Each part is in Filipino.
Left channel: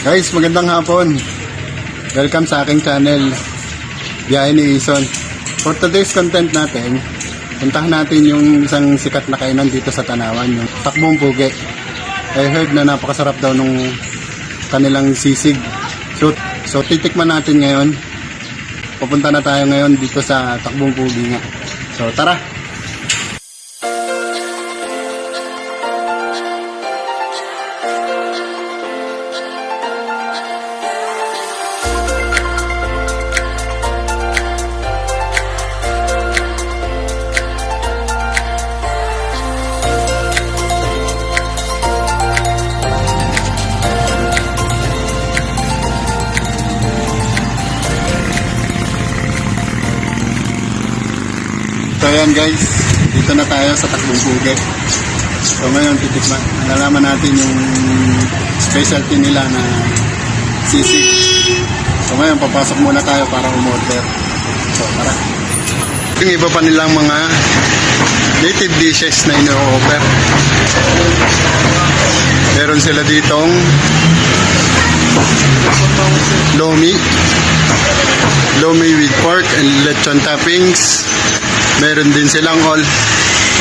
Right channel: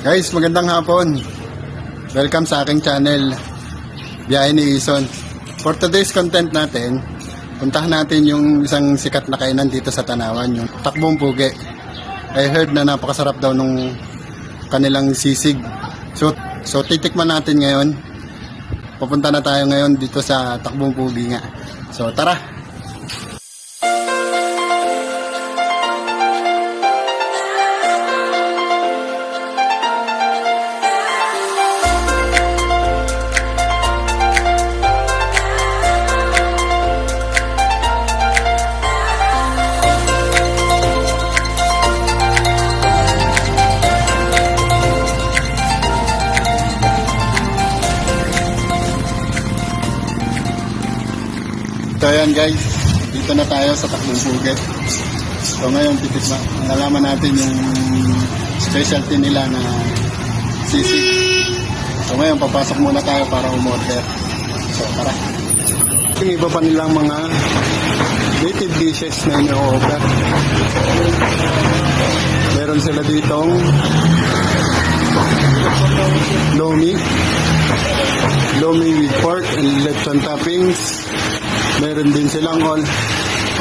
Guys, magandang hapon. Welcome sa aking channel, Biyahe ni Ison. For today's content natin, puntahan natin yung isang sikat na kainan dito sa Tanawan, yung Takbong Pugi. I heard na napakasarap daw nung kanilang sisig. So titikman natin ngayon. Pupunta na tayo ngayon dito sa Takbong Pugi nga. So tara! Ayan guys, dito na tayo sa Takbong Pugi. So ngayon titikman, nalalaman natin yung specialty nila na sisig. So ngayon papasok muna tayo para umorder. So tara. Yung iba pa nilang mga native dishes na ino-offer. Meron sila ditong lomi with pork and lechon toppings. Meron din silang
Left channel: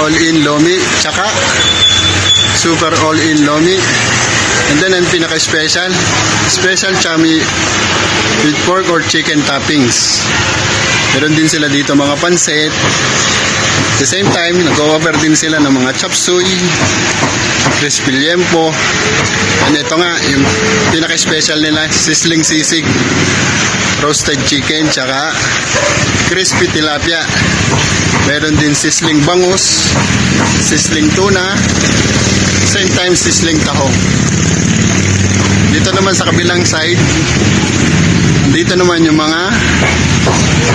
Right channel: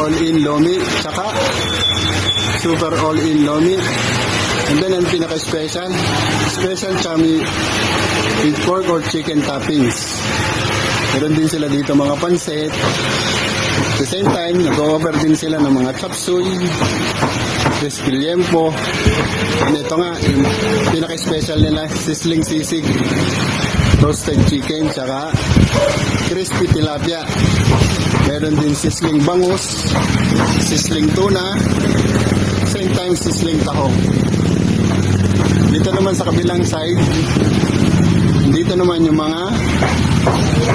all-in lomi, tsaka super all-in lomi. And then ang pinaka-special, special chami with pork or chicken toppings. Meron din sila dito mga pansit. At the same time, nag-offer din sila ng mga chop suey, crispy liempo. And ito nga, yung pinaka-special nila, sizzling sisig, roasted chicken, tsaka crispy tilapia. Meron din sizzling bangus, sizzling tuna, same time sizzling taho. Dito naman sa kabilang side, dito naman yung mga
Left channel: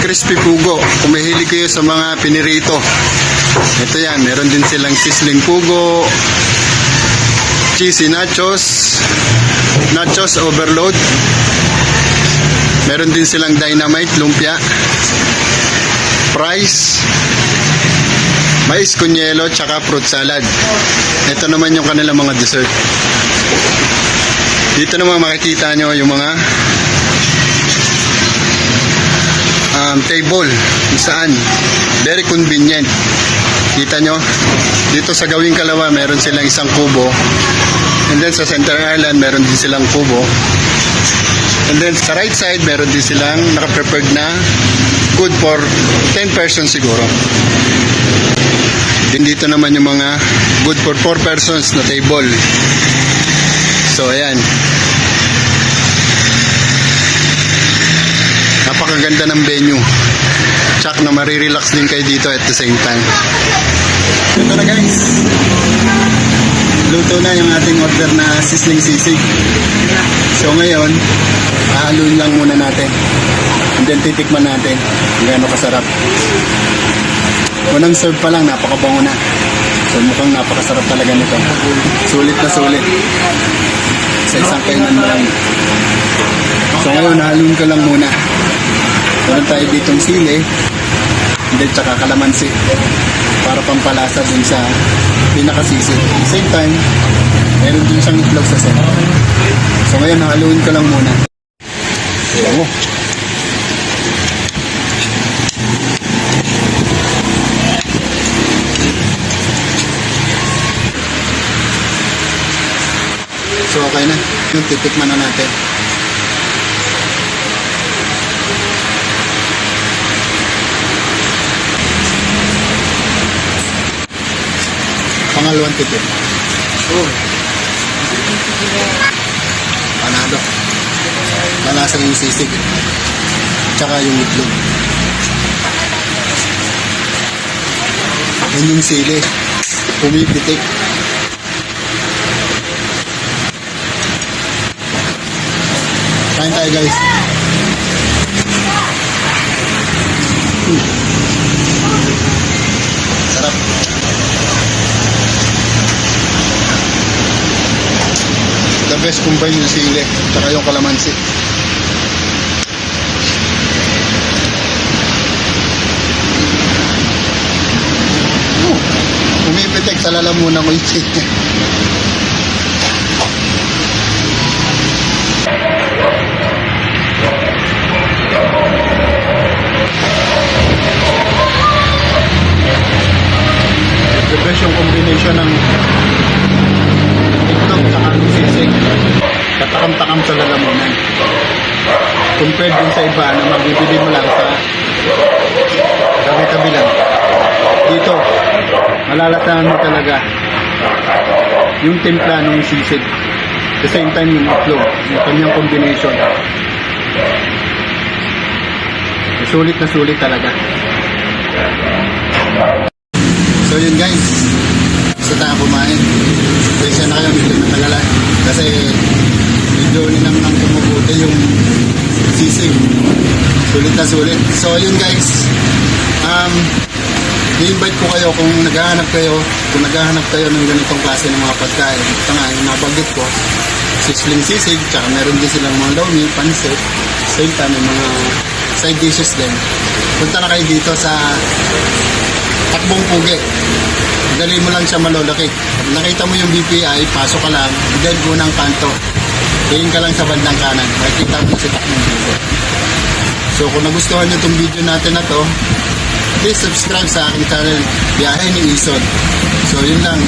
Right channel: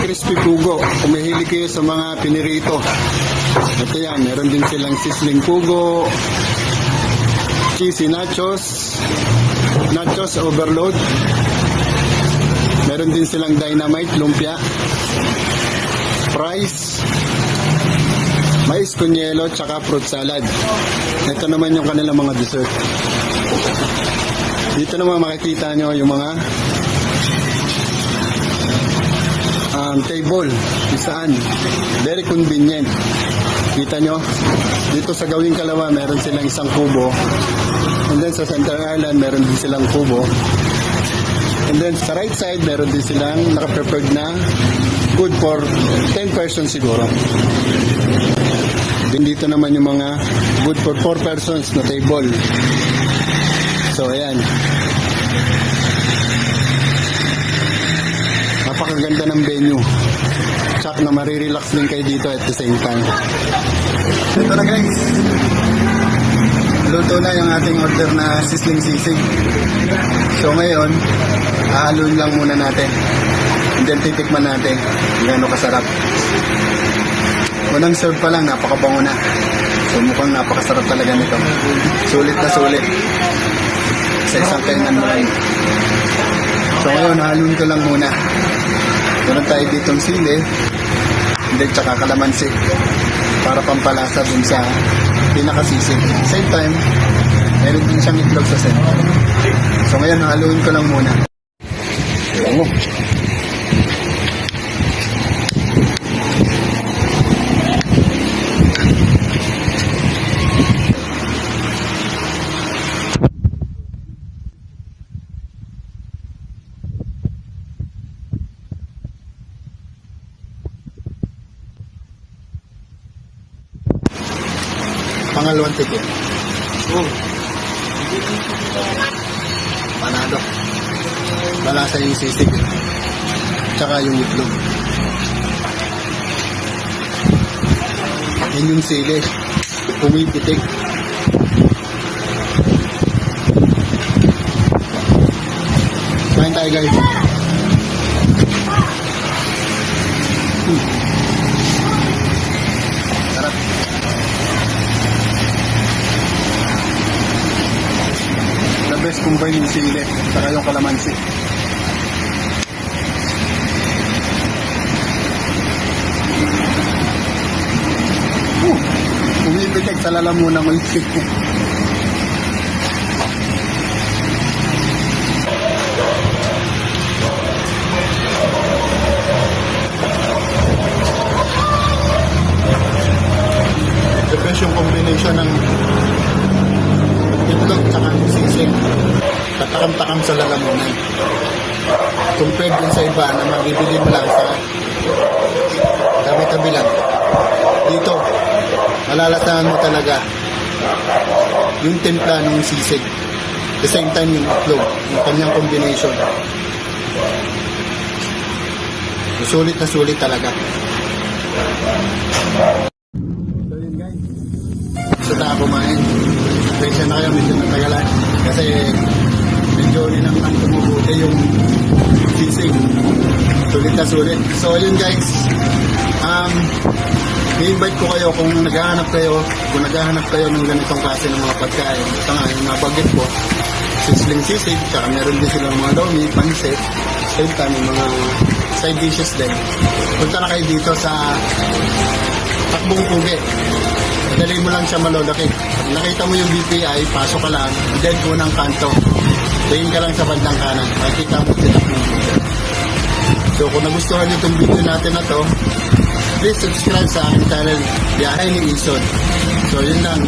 crispy pugo. Kung mahilig kayo sa mga pinirito, ito yan, meron din silang sizzling pugo, cheesy nachos, nachos overload. Meron din silang dynamite lumpia, fries, mais kunyelo, tsaka fruit salad. Ito naman yung kanilang mga dessert. Dito naman makikita nyo yung mga table kung saan very convenient. Kita nyo, dito sa Gawing Kalawa meron silang isang kubo, and then sa Center Island meron din silang kubo, and then sa right side meron din silang naka-prepared na good for 10 persons siguro. Din dito naman yung mga good for 4 persons na table. So ayan, napakaganda ng venue. Tsak na marirelax din kayo dito at the same time. Ito na guys, luto na yung ating order na sizzling sisig. So ngayon, hahaluin lang muna natin, and then titikman natin kung gaano kasarap. Unang serve pa lang, napakabango na. So mukhang napakasarap talaga nito. Sulit na sulit. Sa isang kainan lang. So ngayon, haluin ko lang muna. Meron tayo ditong sili, and then tsaka kalamansi, para pampalasa dun sa pinakasisig. At the same time, meron din siyang itlog sa center. So ngayon, haluin ko lang muna. So okay na, yung titikman na natin. Pangalawang titik. Panado. Malasa yung sisig, tsaka yung itlog. Yun yung sili, pumipitik. Kain tayo guys. Sarap. The best combine yung sili tsaka yung kalamansi. Pumipitik sa lalamunan ko yung sili. yung timpla ng sisig. At the same time yung itlog, yung kanyang combination. Sulit na sulit talaga. So yun guys, gusto tayo kumain. Pasensya na kayo, medyo matagalan. Kasi medyo linang umuuti yung sisig. Sulit na sulit. So yun guys, i-invite ko kayo kung naghahanap kayo ng ganitong klase ng mga pagkain. Ito nga, yung nabanggit mo, sisling sisig, tsaka meron din silang mga lomi, pansit, same time, mga side dishes din. Punta na kayo dito sa Takbong Pugi. Dali mo lang siya malulaki. Nakita mo yung BPI, pasok ka lang, then unang kanto. Tingin ka lang sa bandang kanan. Makikita mo si Takbong Pugi. So kung nagustuhan nyo itong video natin na to, please subscribe sa aking channel, Biyahe ni Ison. So yun lang.